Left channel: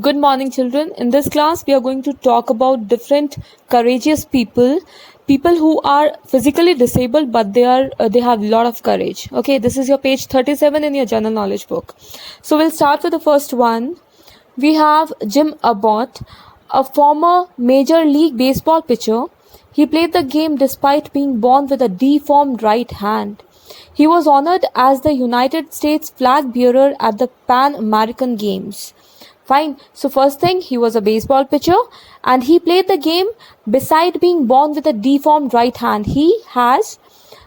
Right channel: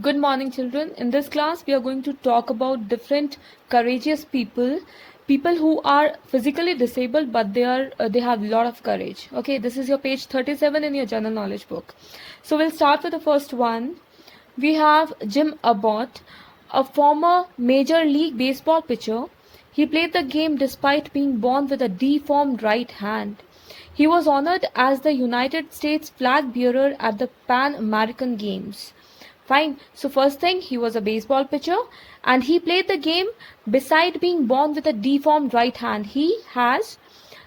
Good morning, children. In this class, we are going to talk about different courageous people who are physically disabled, but they have a lot of courage. Okay, this is your page 37 in your general knowledge book. So we'll start with the first one. We have Jim Abbott, a former Major League Baseball pitcher. He played the game despite being born with a deformed right hand. He was honored as the United States flag bearer at the Pan American Games. Fine. So first thing, he was a baseball pitcher and he played the game beside being born with a deformed right hand. He has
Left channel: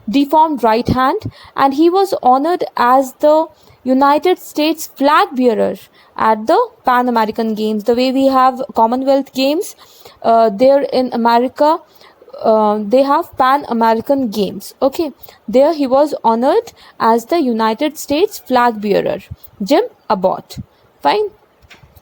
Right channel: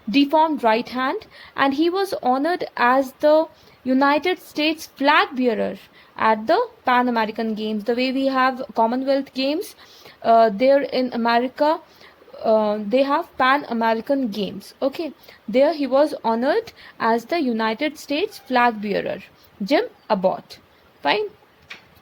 deformed right hand and he was honored as the United States flag bearer at the Pan American Games. The way we have Commonwealth Games, there in America, they have Pan American Games. Okay, there he was honored as the United States flag bearer, Jim Abbott. Fine.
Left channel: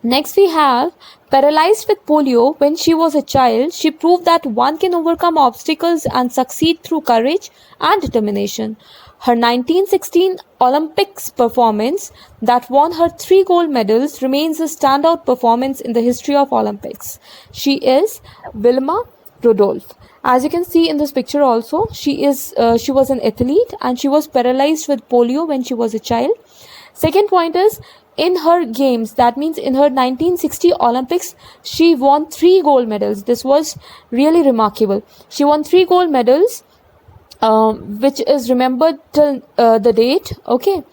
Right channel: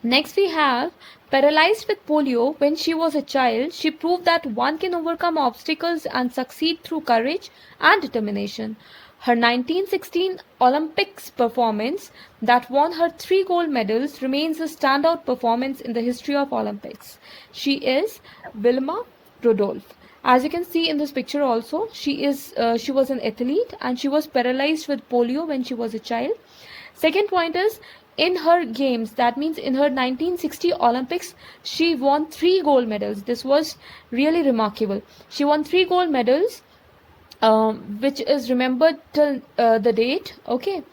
Next we have paralyzed with polio. When she was a child, she proved that one can overcome obstacles and succeed through courage and determination. Her 1916 Olympics performance that won her 3 gold medals remains a standout performance in the history of Olympics. She is Wilma Rudolph. As you can see in this picture also, she was an athlete and she was paralyzed with polio when she was a child. Second point is, in her games, that means in her 1960 Olympics, she won 3 gold medals. This was really remarkable. She won 3 gold medals, which is remembered till the date. Okay,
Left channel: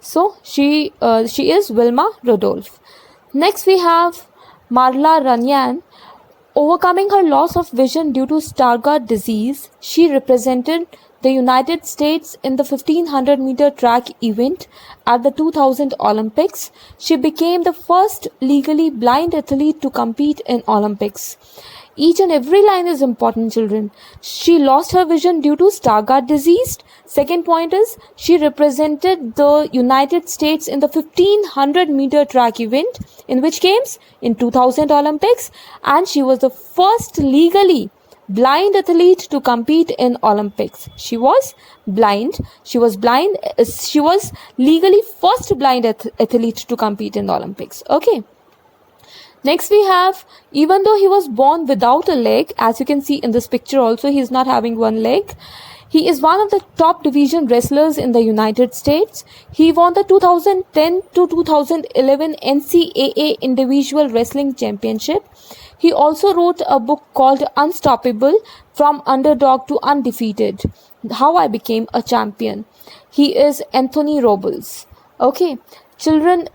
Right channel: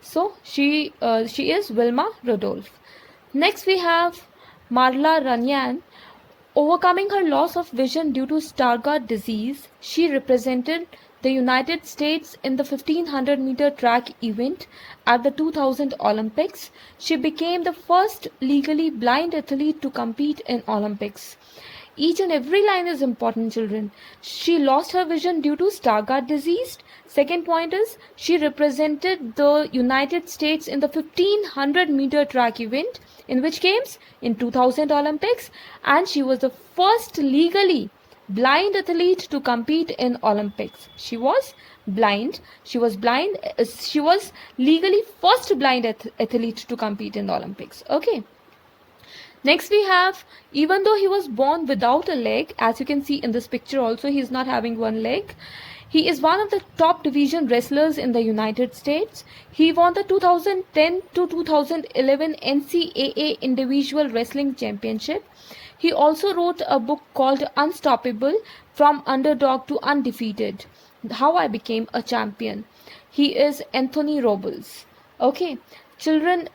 so she is Wilma Rudolph. Next we have Marla Runyan. Overcoming her loss of vision due to Stargardt disease, she represented the United States in the 1500-meter track event at the 2000 Olympics. She became the first legally blind athlete to compete in Olympics. Each and every line is important, children. She lost her vision due to Stargardt disease. Second point is, she represented the United States in the 1500-meter track event. In which games? In 2000 Olympics. And she was the first legally blind athlete to compete in Olympics. She was blind. She was legally first blind athlete to compete in the Olympics. Okay. Next we have, even though he was born without a leg, as you can see in this picture also, he is not having one leg. He is one of the top division wrestlers in the United States. He won the 2010 to 2011 NCAA Individual Wrestling Championship. He also wrote a book called Unstoppable: From Underdog to Undefeated, How I Became a Champion. He is Anthony Robles. Okay, children,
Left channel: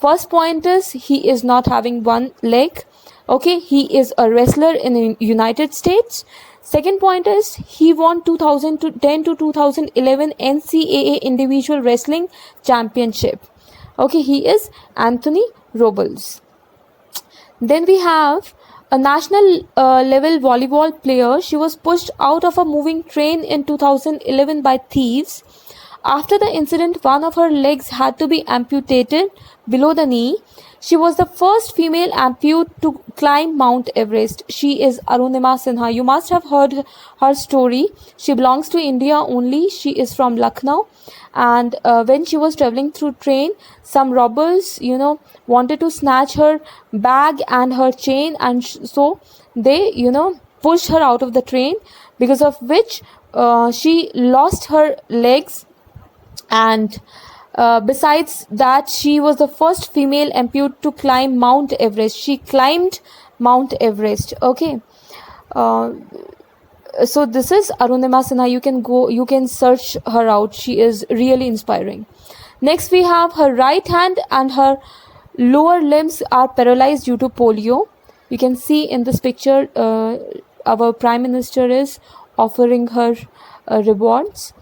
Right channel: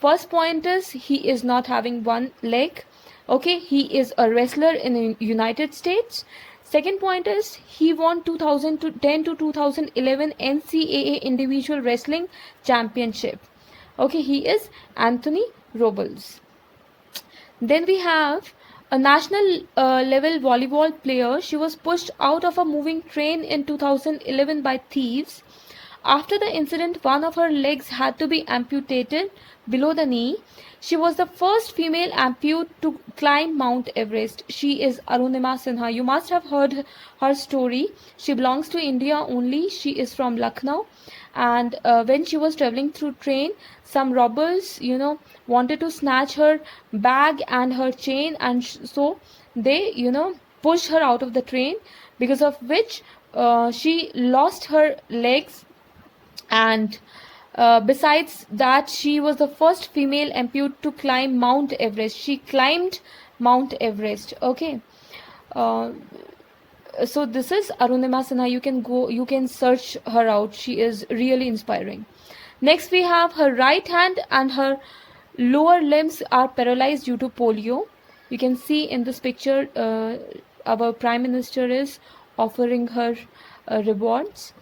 first point is, he is not having one leg. Okay, he is a wrestler in the United States. Second point is, he won 2010 to 2011 NCAA Individual Wrestling Championship. Okay, he is Anthony Robles. Then we have a national level volleyball player. She was pushed out of a moving train in 2011 by thieves. After the incident, one of her legs had to be amputated below the knee. She was the first female amputee to climb Mount Everest. She is Arunima Sinha. You must have heard her story. She belongs to India only. She is from Lucknow. And when she was traveling through train, some robbers, wanted to snatch her bag and her chain. And so they, pushed her out of the train, because of which she lost her legs. And besides that, she was the first female amputee to climb Mount Everest. She climbed Mount Everest. Okay. So this is Arunima Sinha. You can search her out. She is really inspiring. Next we have her right hand and her lower limbs are paralyzed due to polio. You can see in this picture, our Prime Minister is offering her rewards.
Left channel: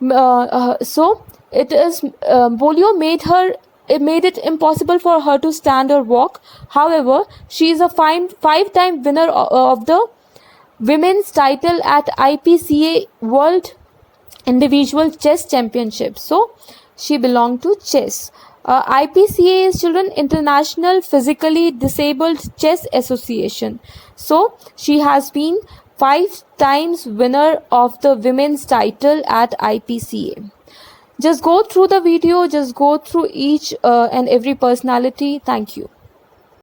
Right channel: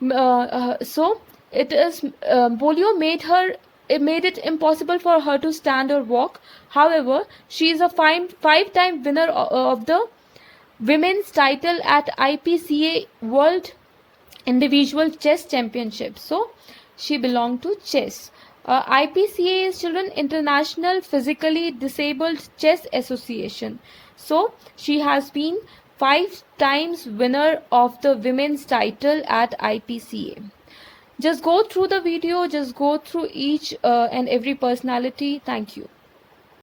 So it is polio made it impossible for her to stand or walk. However, she is a five-time winner of the women's title at IPCA World Individual Chess Championship. So she belonged to chess. IPCA is, children, International Physically Disabled Chess Association. So she has been 5 times winner of the women's title at IPCA. Just go through the video, just go through each and every personality. Thank you.